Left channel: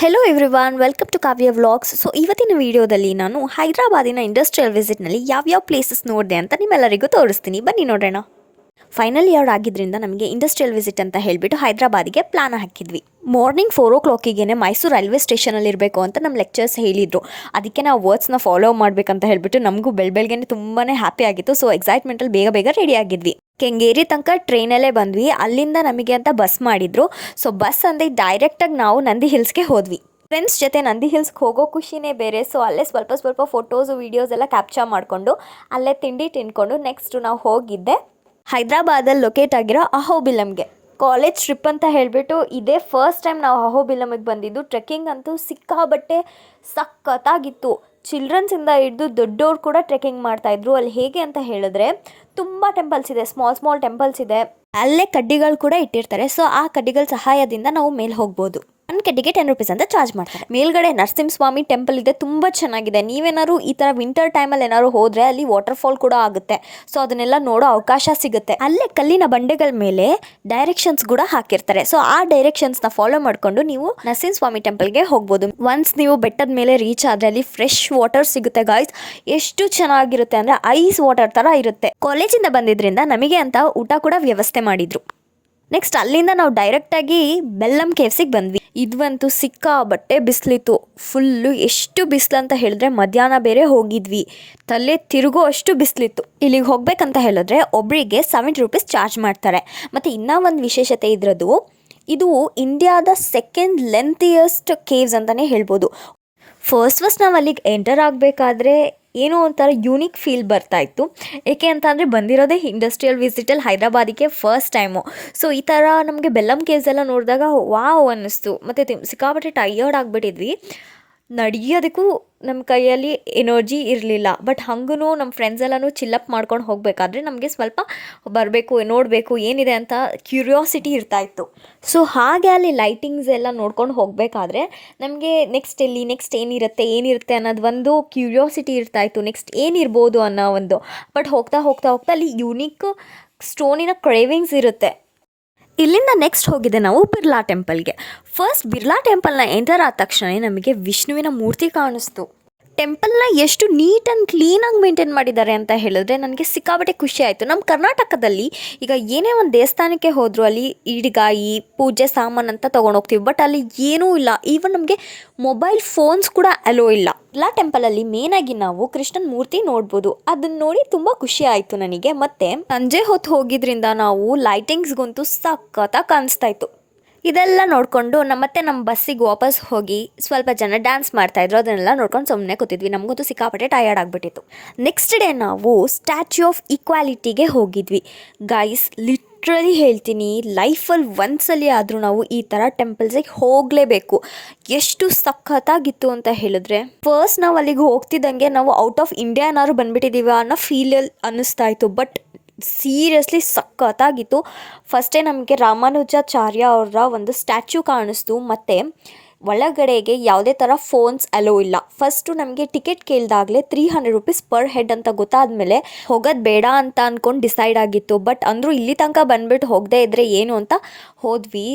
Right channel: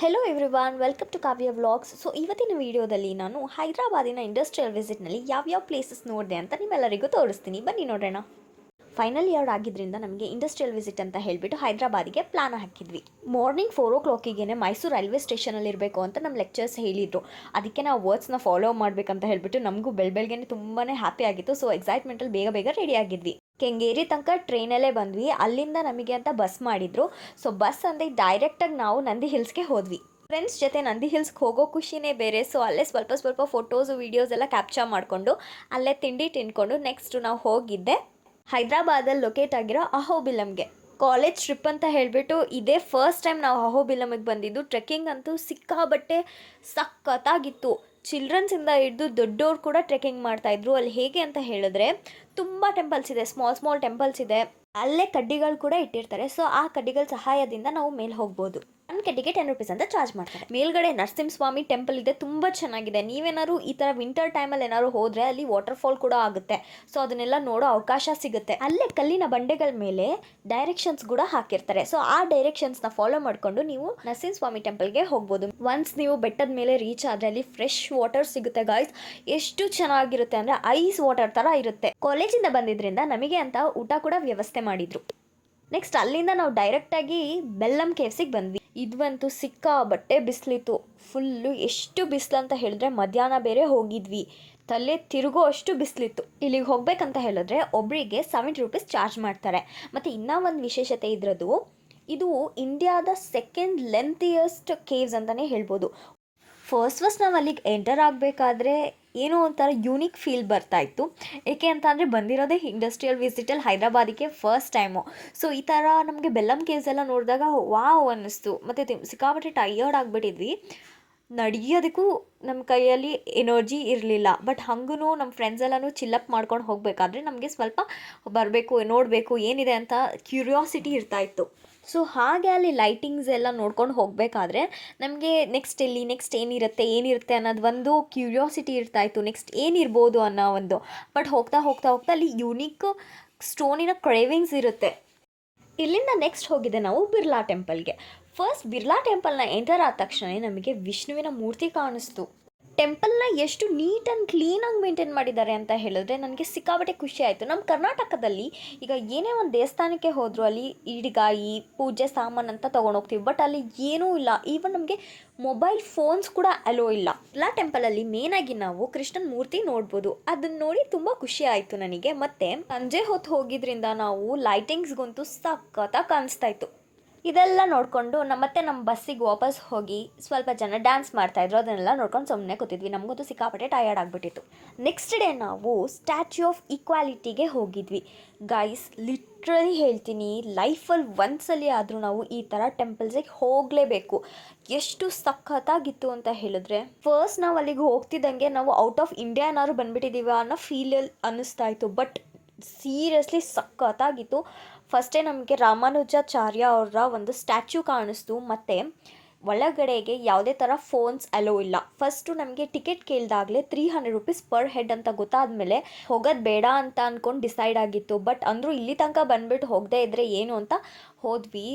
Hello everyone, welcome to Kavya vlogs. So ಇವತ್ತಿನ ವಿಡಿಯೋದಲ್ಲಿ ನಾನು ಹೈದರಾಬಾದಿನ ಇಂಡಸ್ಟ್ರಿಯಲ್ ವಿಸಿಟ್ನಲ್ಲಿ ಯಾವ್ಯಾವ ಪ್ಲೇಸಸ್ ನೋಡಿದೆ ಅಂತ ನಿಮ್ಮೆಲ್ಲರಿಗೂ ತೋರಿಸ್ತೀನಿ. ಬನ್ನಿ ನೋಡೋಣ. ಫೈನಲ್ ಇಯರ್ ಆಗಿದ್ದರಿಂದ ನಮಗೆ ಇಂಡಸ್ಟ್ರಿಯಲ್ ವಿಸಿಟ್ ಅಂತ ಹೇಳಿಬಿಟ್ಟು ಹೈದರಾಬಾದಿಗೆ ಪ್ಲಾನ್ ಹಾಕಿದ್ವಿ. ಮಾರ್ನಿಂಗ್ 4 o'clock ಮೈಸೂರು ರೈಲ್ವೆ ಸ್ಟೇಷನಲ್ಲಿ ಇರಬೇಕು ಅಂತ ನಮ್ಮ ಲೆಕ್ಚರ್ಸ್ ಹೇಳಿದರು. ಅದಕ್ಕೆ ನಾವು ವರ್ಡ್ಸ್ನ ಫಾಲೋ ಮಾಡಬೇಕಂತ ಹೇಳಿಬಿಟ್ಟು ನಮಗೂ ಬೆಳಗ್ಗೆ ತುಂಬಾ ಹ್ಯಾಪಿ ಆಗಿತ್ತು. ಸೊ ಎಕ್ಸೈಟ್ಮೆಂಟಲ್ಲಿ ಬೇಗ ರೆಡಿ ಆಗಿದ್ವಿ. ಕೆಂಗೇರಿ ತನಕ ಟ್ರೈನಲ್ಲೇ ಬಂದ್ವಿ. ಅಲ್ಲಿಂದ ನಮಗೆ ಅಂತ ಬಸ್ ಮಾಡಿದ್ರು. ಸೊ ಬಸ್ ಅಂದರೆ ಡೈರೆಕ್ಟಾಗಿ ನಾವು ನಂದಿ ಹಿಲ್ಸ್ಗೆ ಹೋದ್ವಿ. ಫ್ರೆಂಡ್ಸ್ ಜೊತೆ ನಂದಿ ಹಿಲ್ಸ್ಗೆ ಹೋಗೋ ಖುಷಿನೇ ಬೇರೆ. ಸೊ ಅಲ್ಲೇ ಸ್ವಲ್ಪ ಫೋಟೋಸು ವೀಡಿಯೋಸ್ ಎಲ್ಲ ಕ್ಯಾಪ್ಚರ್ ಮಾಡಿಕೊಂಡು ಅಲ್ಲೇ ತಿಂಡಿ ತಿನ್ಕೊಂಡು ನೆಕ್ಸ್ಟು ನಾವು ಹೋಗಿದ್ದೆ ಹೈದರಾಬಾದಲ್ಲಿ ಲೊಕೇಟ್ ಆಗಿರೋ ಅಹೋಬಿಲಮ್ಗೆ. ಕಾಲೇಜ್ ಟ್ರಿಪ್ ಅಂತ ಹೇಳಿಬಿಟ್ಟು ಇದೇ ಫಸ್ಟ್ ಟೈಮ್ ನಾವು ಅಹೋಬಿಲಮಿಗೆ ಬಂದಿದ್ದು. ಟ್ರೆಕ್ಕಿಂಗ್ ಅಂತೂ ಸಿಕ್ಕಾಬಟ್ಟೆ ಸಖತ್ತಾಗಿತ್ತು. ಚಿಲ್ಡ್ರನ್ಸಿಂದ ಹಿಡಿದು ದೊಡ್ಡವ್ರು ಕೂಡ ಟ್ರೆಕ್ಕಿಂಗ್ ಮಾಡ್ತಾಯಿದ್ರು. ಅಲ್ಲಿ ಹೇಗೆ ಅಂತ ಹೇಳಿದ್ರೆ ತುಂಬ ಟೆಂಪಲ್ಸ್ ಇದೆ, ಸ್ಮಾಲ್ ಟೆಂಪಲ್ಸ್ ಇದೆ. ಅಲ್ಲೇ ಕಡ್ಡಿಗಳು ಕೂಡ ಇಟ್ಟಿರ್ತಾರೆ. ಸೊ ಆ ಕಡ್ಡಿಗಳ ಸಹಾಯದಿಂದ ನಾವು ಮೇಲೆ ಹೋಗ್ಬೋದು. ಒಂದು ಕಡ್ಡಿಗೆ 10 ರೂಪೀಸ್ ಅಂತ ಚಾರ್ಜ್ ಮಾಡ್ತಾರೆ. ಮೇಲ್ಗಡೆ ನರಸಿಂಹಸ್ವಾಮಿ ಟೆಂಪಲ್ ಇದೆ, ತುಂಬ ಚೆನ್ನಾಗಿದೆ. ನೀವೇನಾದ್ರು ಈ ಥರ ವಿಂಟರ್ ಟೈಮಲ್ಲಿ ಏನಾದ್ರು ಹೋದರೆ ಅಲ್ಲಿ ವಾಟರ್ಫಾಲ್ ಕೂಡ ಆಗುತ್ತೆ. ಸೊ ಅದನ್ನೆಲ್ಲ ನೋಡೋ ಅವಕಾಶ ಸಿಗುತ್ತೆ. ಅಲ್ಲೇ ಕಲ್ಲಿನ ಬಂಡೆಗಳ ಮೇಲೆ ಡೈರೆಕ್ಷನ್ಸ್ ಕೂಡ ಹಾಕಿರ್ತಾರೆ. ಸೊ ಆ ಡೈರೆಕ್ಷನ್ಸ್ನ ಫಾಲೋ ಮಾಡಿಕೊಂಡು ನೀವು ನರಸಿಂಹಸ್ವಾಮಿ ಟೆಂಪಲ್ಗೆ ಹೋಗ್ಬೋದು. ಒನ್ಸ್ ನೀವು ಬೆಟ್ಟದ ಮೇಲೆ ರೀಚ್ ಆದರೆ ಅಲ್ಲಿ ಫ್ರೆಶ್ ವಾಟರ್ ಸಿಗುತ್ತೆ ಗಾಯ್ಸ್. ಎಷ್ಟು ಚೆನ್ನಾಗಿರುತ್ತೆ ಅಂದರೆ ಐಸ್ ವಾಟರ್ ಥರ ಇರುತ್ತೆ. ಕಾಲೇಜಿಂದ ಬಂದಿದ್ದರಿಂದ ನಮಗೆ ಅಂತ ಊಟ ಕೂಡ ವ್ಯವಸ್ಥೆ ಮಾಡಿದ್ರು. ನೆಕ್ಸ್ಟ್ ಅಲ್ಲಿಂದ ನಾವು ಡೈರೆಕ್ಟಾಗಿ ಬೆಲ್ಲಂ ಕೇವ್ಸಿಗೆ ಬಂದ್ವಿ. ಇದಂತೂ ಸಿಕ್ಕಾಬಟ್ಟೆ ಬಿಸಿಲಿತ್ತು. ಫುಲ್ಲು ಎಷ್ಟು ಬಿಸಿಲು ಅಂತ ಹೇಳಿದ್ರೆ ಮಧ್ಯಾಹ್ನ ಬೇರೆ ಹೋಗಿದ್ವಿ. ತಲೆ ತಿರುಗೋ ಅಷ್ಟು ಬಿಸಿಲಿತ್ತು. ಇಲ್ಲಿಗೆ ಹೋಗ್ಬೇಕಂತ ಹೇಳಿದ್ರೆ ಒಬ್ಬರಿಗೆ 70 ರೂಪೀಸ್ ಚಾರ್ಜ್ ಮಾಡ್ತಾರೆ. ಮತ್ತು ಇನ್ನೂ ಒಂದು ವಿಶೇಷತೆ ಇದ್ರದ್ದು, ಇದು ಇಂಡಿಯಾದ ಸೆಕೆಂಡ್ ಲೆಂತಿಯಸ್ಟ್ ಕೇವ್ಸ್ ಅಂತಲೇ ಹೇಳ್ಬೋದು. ಫಸ್ಟ್ ನಾವು ಅಲ್ಲಿಗೆ ಎಂಟರ್ ಆಗಬೇಕಾದ್ರೆ ಏನೋ ಒಂಥರ ಯೂನಿಕ್ ಫೀಲ್ ಬರ್ತಾಯಿತ್ತು. ಏಕೆ ಅಂತ ಅಂದರೆ ಬಂದಿರೋದೇ ಇಂಡಸ್ಟ್ರಿಯಲ್ ವಿಸಿಟಲ್ಲಿ ಹೈದರಾಬಾದಿಗೆ ಫಸ್ಟ್ ಟೈಮು. ಸೊ ಈ ಥರ ನಮಗೆ ಬೆಲ್ಲಂ ಕೇವ್ಸ್ ಎಲ್ಲ ನೋಡಿದಾಗ ವಾವ್ ಅನ್ನಿಸ್ತು. ಮತ್ತು ಸಿಕ್ಕಾಪಟ್ಟೆ ಟಯರ್ಡ್ ಆಗಿಬಿಟ್ಟಿದ್ವಿ. ನಡೆಯೋದಕ್ಕೂ ನಮ್ಮ ಕೈಯಲ್ಲಿ ಎನರ್ಜಿ ಇರಲಿಲ್ಲ. ಬಟ್ ಹಂಗೂ ನಮ್ಮ ಫ್ರೆಂಡ್ಸ್ ಎಲ್ಲನೂ ಚಿಲ್ಲಪ್ ಮಾಡ್ಕೊಂಡು ಹೋಗಬೇಕಾದ್ರೆ ನಮಗೆ ಸ್ವಲ್ಪ ಬರಬೇಕು, ನೋಡಬೇಕು ಏನಿದೆ ಅಂತ ಕ್ಯೂರಿಯಾಸಿಟಿ ಇರ್ತಾಯಿತ್ತು. ಸೊ ಹಾಗೆ ಅಲ್ಲಿ ಲೈಟಿಂಗ್ಸ್ ಎಲ್ಲ ನೋಡ್ಕೊಂಡು ಹೋಗಬೇಕಾದ್ರೆ ನಮಗೆ ನೆಕ್ಸ್ಟ್ ಏನಿರುತ್ತೆ ಅನ್ನೋದು ಒಂದು ಕ್ಯೂರಿಯಾಸಿಟಿ ಇರ್ತಾಯಿತ್ತು. ನೆಕ್ಸ್ಟ್ ಏನಿರ್ಬೋದು ಅನ್ನೋ ಒಂದು. ಬಟ್ ಹೋಗ್ತಾ ಅಲ್ಲಿ ಯೂನಿಕ್ ಸ್ಟೋನಿನ ಕ್ರೇವಿಂಗ್ಸ್ ಇರುತ್ತೆ. ಇಲ್ಲಿಂದ ನೆಕ್ಸ್ಟ್ ಹೋಗಿದೆ ನಾವು ಬಿರ್ಲಾ ಟೆಂಪಲ್ಗೆ. ಫಸ್ಟ್ ಬಿರ್ಲಾ ಟೆಂಪಲ್ನ ಎಂಟರ್ ಆದ ತಕ್ಷಣ ನಮಗೆ ವಿಷ್ಣುವಿನ ಮೂರ್ತಿ ಕಾಣಿಸ್ತು. ಟೆಂಪಲ್ನ ಎಷ್ಟು ನೀಟ್ ಆ್ಯಂಡ್ ಕ್ಲೀನಾಗಿ ಮೇಂಟೈನ್ ಮಾಡಿದ್ದಾರೆ ಅಂತ ಹೇಳಿದ್ರೆ ನನಗೆ ಸಿಕ್ಕಾಬಟ್ಟೆ ಖುಷಿ ಆಯಿತು. ನಮ್ಮ ಕರ್ನಾಟಕದಲ್ಲಿ ಈಗ ಏನೇ ಒಂದು ದೇವಸ್ಥಾನಕ್ಕೆ ಹೋದರೂ ಅಲ್ಲಿ ಈಡಿಗಾಯಿ ಪೂಜೆ ಸಾಮಾನು ಅಂತ ತೊಗೊಂಡೋಗ್ತೀವಿ. ಬಟ್ ಅಲ್ಲಿ ಏನೂ ಇಲ್ಲ. ಈವನ್ ನಮಗೆ ಮೊಬೈಲ್ ಫೋನ್ಸ್ ಕೂಡ ಅಲೋ ಇಲ್ಲ. ಎಲ್ಲ ಟೆಂಪಲಲ್ಲಿ ಮೇನಾಗಿ ನಾವು ಕೃಷ್ಣನ ಮೂರ್ತಿ ನೋಡ್ಬೋದು. ಅದನ್ನು ನೋಡಿ ತುಂಬ ಖುಷಿ ಆಯಿತು ನನಗೆ. ಮತ್ತು ಸಂಜೆ ಹೊತ್ತು ಹೋಗಿದ್ರಿಂದ ನಾವು ಲೈಟಿಂಗ್ಸ್ಗಂತೂ ಸಖತ್ತಾಗಿ ಕಾಣಿಸ್ತಾ ಇತ್ತು. ಇದೆಲ್ಲ ನೋಡಿಕೊಂಡು ನಮ್ಮ ಬಸ್ಸಿಗೆ ವಾಪಸ್ ಹೋಗಿ ಸ್ವಲ್ಪ ಜನ ಡ್ಯಾನ್ಸ್ ಮಾಡ್ತಾಯಿದ್ರು. ಅದನ್ನೆಲ್ಲ ನೋಡ್ಕೊಂಡು ಸುಮ್ಮನೆ ಕೂತಿದ್ವಿ. ನಮಗಂತೂ ಸಿಕ್ಕಾಪಟ್ಟೆ ಟಯರ್ಡ್ ಆಗಿಬಿಟ್ಟಿತ್ತು. ನೆಕ್ಸ್ಟ್ ಡೇ ನಾವು ಸ್ಟ್ಯಾಚ್ಯೂ ಆಫ್ ಈಕ್ವಾಲಿಟಿಗೆ ಹೋಗಿದ್ವಿ. ಗೈಸ್ ಲಿಟ್ರಲಿ ಹೇಳ್ತೀನಿ, ಲೈಫಲ್ಲಿ ಒಂದ್ಸಲಿ ಆದರೂ ನಾವು ಈ ಥರ ಟೆಂಪಲ್ಸಿಗೆ ಹೋಗಲೇಬೇಕು. ಎಷ್ಟು ಸಖತ್ತಾಗಿತ್ತು ಅಂತ ಹೇಳಿದ್ರೆ, ಫಸ್ಟ್ ನಾವು ಅಲ್ಲಿಗೆ ಹೋಗ್ತಿದ್ದಂಗೆ ನಾವು ಔಟ್ ಆಫ್ ಇಂಡಿಯಾ ಏನಾದ್ರು ಬಂದುಬಿಟ್ಟಿದ್ದೀವ ಅನ್ನೋ ಫೀಲಲ್ಲಿ ಅನ್ನಿಸ್ತಾ ಇತ್ತು. ಬಟ್ ಸೀರಿಯಸ್ಲಿ ಸಖತ್ತಾಗಿತ್ತು. ಫಸ್ಟೇ ನಮಗೆ ರಾಮಾನುಜಾಚಾರ್ಯ ಅವರ ಒಂದು ಸ್ಟ್ಯಾಚ್ಯೂ ಕಾಣಿಸ್ತು. ಮತ್ತು ಒಳಗಡೆಗೆ ಯಾವುದೇ ಥರ ಫೋನ್ಸ್ ಅಲೋ ಇಲ್ಲ. ಫಸ್ಟು ನಮಗೆ ಟಿಕೆಟ್ ಕೇಳಿದಾಗಲೇ 300 ರೂಪೀಸ್ ಪರ್ ಹೆಡ್ ಅಂತ ಗೊತ್ತಾದಮೇಲೆ ಹೋಗೋದು ಬೇಡ ಅಂತ ಅಂದ್ಕೊಂಡು ಡಿಸೈಡ್ ಆಗಿತ್ತು. ಬಟ್ ಅಂದರೂ ಇಲ್ಲಿ ತನಕ ಬಂದುಬಿಟ್ಟು ಹೋಗದೇ ಇದ್ದರೆ ಏನು ಅಂತ ಹೋದ್ವಿ.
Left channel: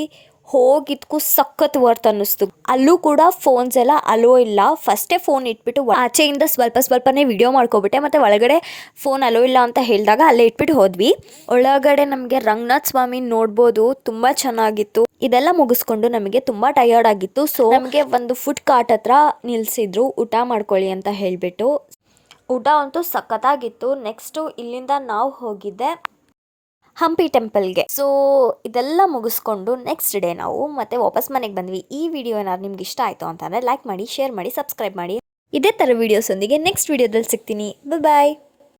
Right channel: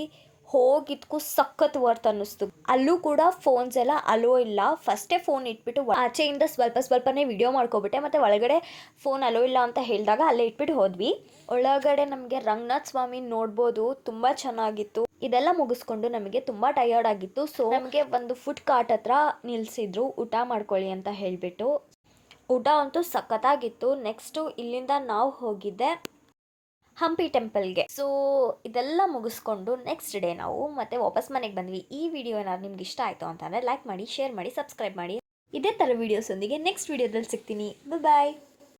ಹೋಗಿದ್ಕು ಸಖತ್ ವರ್ತ್ ಅನ್ನಿಸ್ತು. ಅಲ್ಲೂ ಕೂಡ ಫೋನ್ಸ್ ಎಲ್ಲ ಅಲೋ ಇಲ್ಲ. ಫಸ್ಟೇ ಫೋನ್ ಇಟ್ಬಿಟ್ಟು ಆಚೆಯಿಂದ ಸ್ವಲ್ಪನೇ ವಿಡಿಯೋ ಮಾಡ್ಕೊಬಿಟ್ಟೆ. ಮತ್ತು ಒಳಗಡೆ ಫೋನ್ ಅಲೋ ಇಲ್ಲ ಅಂತ ಹೇಳಿದಾಗ ಅಲ್ಲೇ ಇಟ್ಬಿಟ್ಟು ಹೋದ್ವಿ. ಒಳಗಡೆ ನಮಗೆ ರಂಗನಾಥ ಸ್ವಾಮಿ ನೋಡ್ಬೋದು, ತುಂಬ ಚೆನ್ನಾಗಿತ್ತು. ಇದೆಲ್ಲ ಮುಗಿಸ್ಕೊಂಡು ನಮಗೆ ತುಂಬ ಟಯರ್ಡ್ ಆಗಿತ್ತು. ಸೊ ನಮಗೆ ಒಂದು ಫುಡ್ ಕಾರ್ಟ್ ಹತ್ರ ನಿಲ್ಲಿಸಿದ್ರು ಊಟ ಮಾಡ್ಕೊಳ್ಳಿ ಅಂತ ಹೇಳಿಬಿಟ್ಟು. ಊಟ ಅಂತೂ ಸಖತ್ತಾಗಿತ್ತು. ನೆಕ್ಸ್ಟು ಇಲ್ಲಿಂದ ನಾವು ಹೋಗಿದ್ದೆ ಹಂಪಿ ಟೆಂಪಲ್ಗೆ. ಸೊ ಇದೆಲ್ಲ ಮುಗಿಸ್ಕೊಂಡು ನೆಕ್ಸ್ಟ್ ಡೇ ನಾವು ಮತ್ತೆ ವಾಪಸ್ ಮನೆಗೆ ಬಂದ್ವಿ. ಈ ವಿಡಿಯೋ ಏನಾದ್ರು ನಿಮ್ಗೆ ಇಷ್ಟ ಆಯಿತು ಅಂತಂದರೆ ಲೈಕ್ ಮಾಡಿ, ಶೇರ್ ಮಾಡಿ, ಸಬ್ಸ್ಕ್ರೈಬ್ ಮಾಡಿ. ಇದೇ ಥರ ವೀಡಿಯೋಸೊಂದಿಗೆ ನೆಕ್ಸ್ಟ್ ವೀಡಿಯೋದಲ್ಲಿ ಸಿಗ್ತೀನಿ. ಬಾಯ್.